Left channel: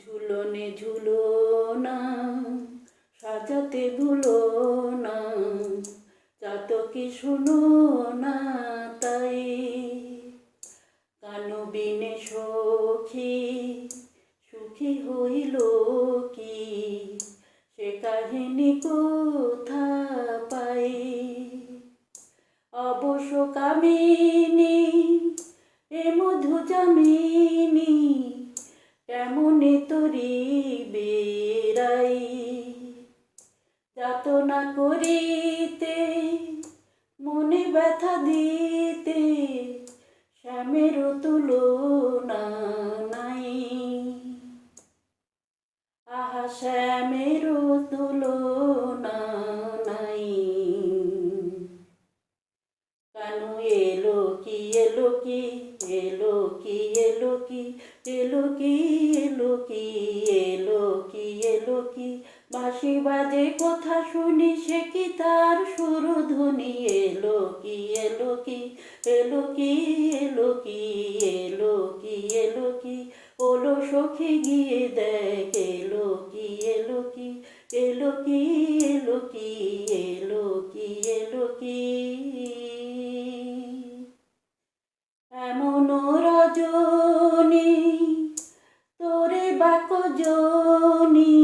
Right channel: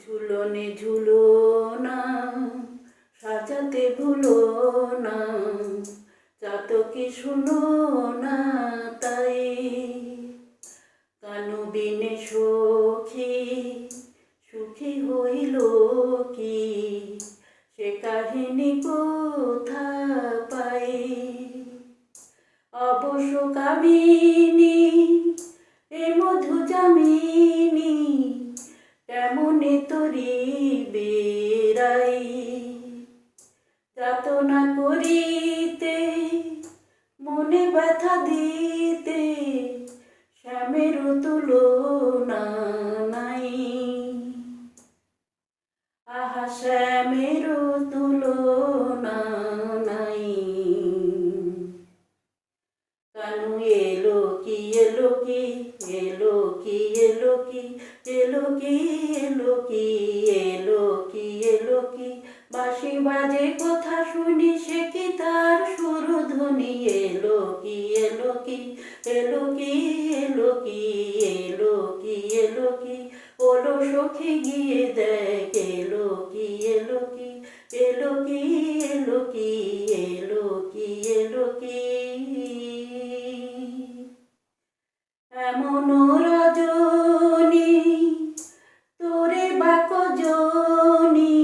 ঝুলনে ঝুলো না, সাজাতে ভুলো না, চাতকি শুনো না তাই। কানু বিনে সখী সুখী হইল কি, সে কাহিনী কোথা পাই। অবশ্য কামিনী এ মধু জামিনী, কেমনে তরি বেড়াই। যাতনা করিতে মনে ব্যথা দিতে, শ্যামের তুলনা নাই। আহা শ্যামের তুলনা নাই। কানু এলো কি এলো কি, এলো কি এলো কি, এলো কি এলো কি, এলো কি এলো কি। বাঁশি বাজে কথা শুনি, সে কি তার সুরধ্বনি। এলো কি এলো কি, এলো কি এলো কি, এলো কি এলো কি। ওলো সখী গিয়ে দেখ, এলো কি এলো কি, এলো কি এলো কি, এলো কি এলো কি। এমন রজনী তোরে বাক জনি,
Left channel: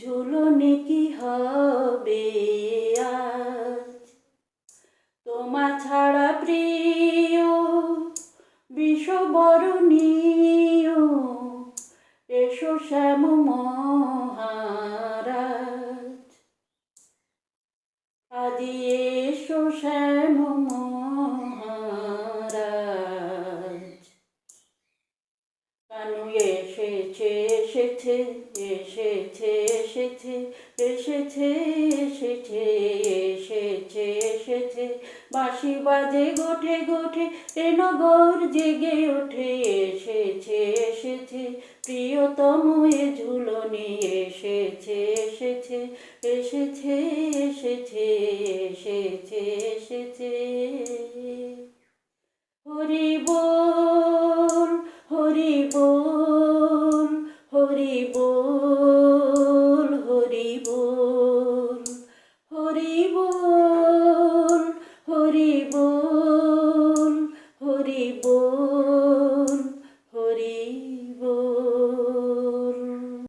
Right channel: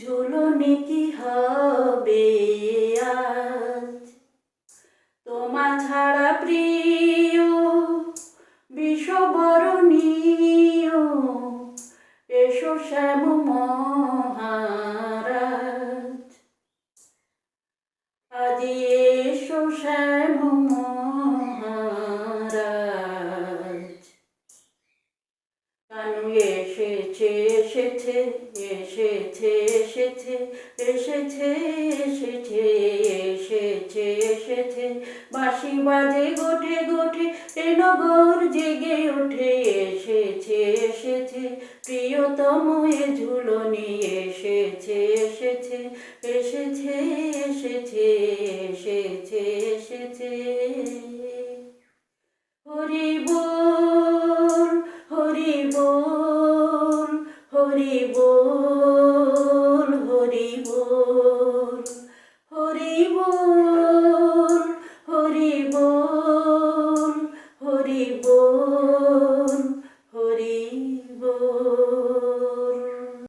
ঝুলনে কি হবে আজ। তোমা ছাড়া প্রিয় বিষবরণীয়, এসো শ্যাম মহারাজ। আজি এসো শ্যাম মহারাজ। কানু এসেছে এসেছে এসেছে এসেছে এসেছে এসেছে এসেছে এসেছে। বাঁশি বাজে গোঠে গোঠে, এ নগর জেগে ওঠে। এসেছে এসেছে প্রিয়তম এ ঝুলনি, এসেছে এসেছে এসেছে এসেছে এসেছে এসেছে। হরি বল হরি বল হরি বল হরি বল হরি বল।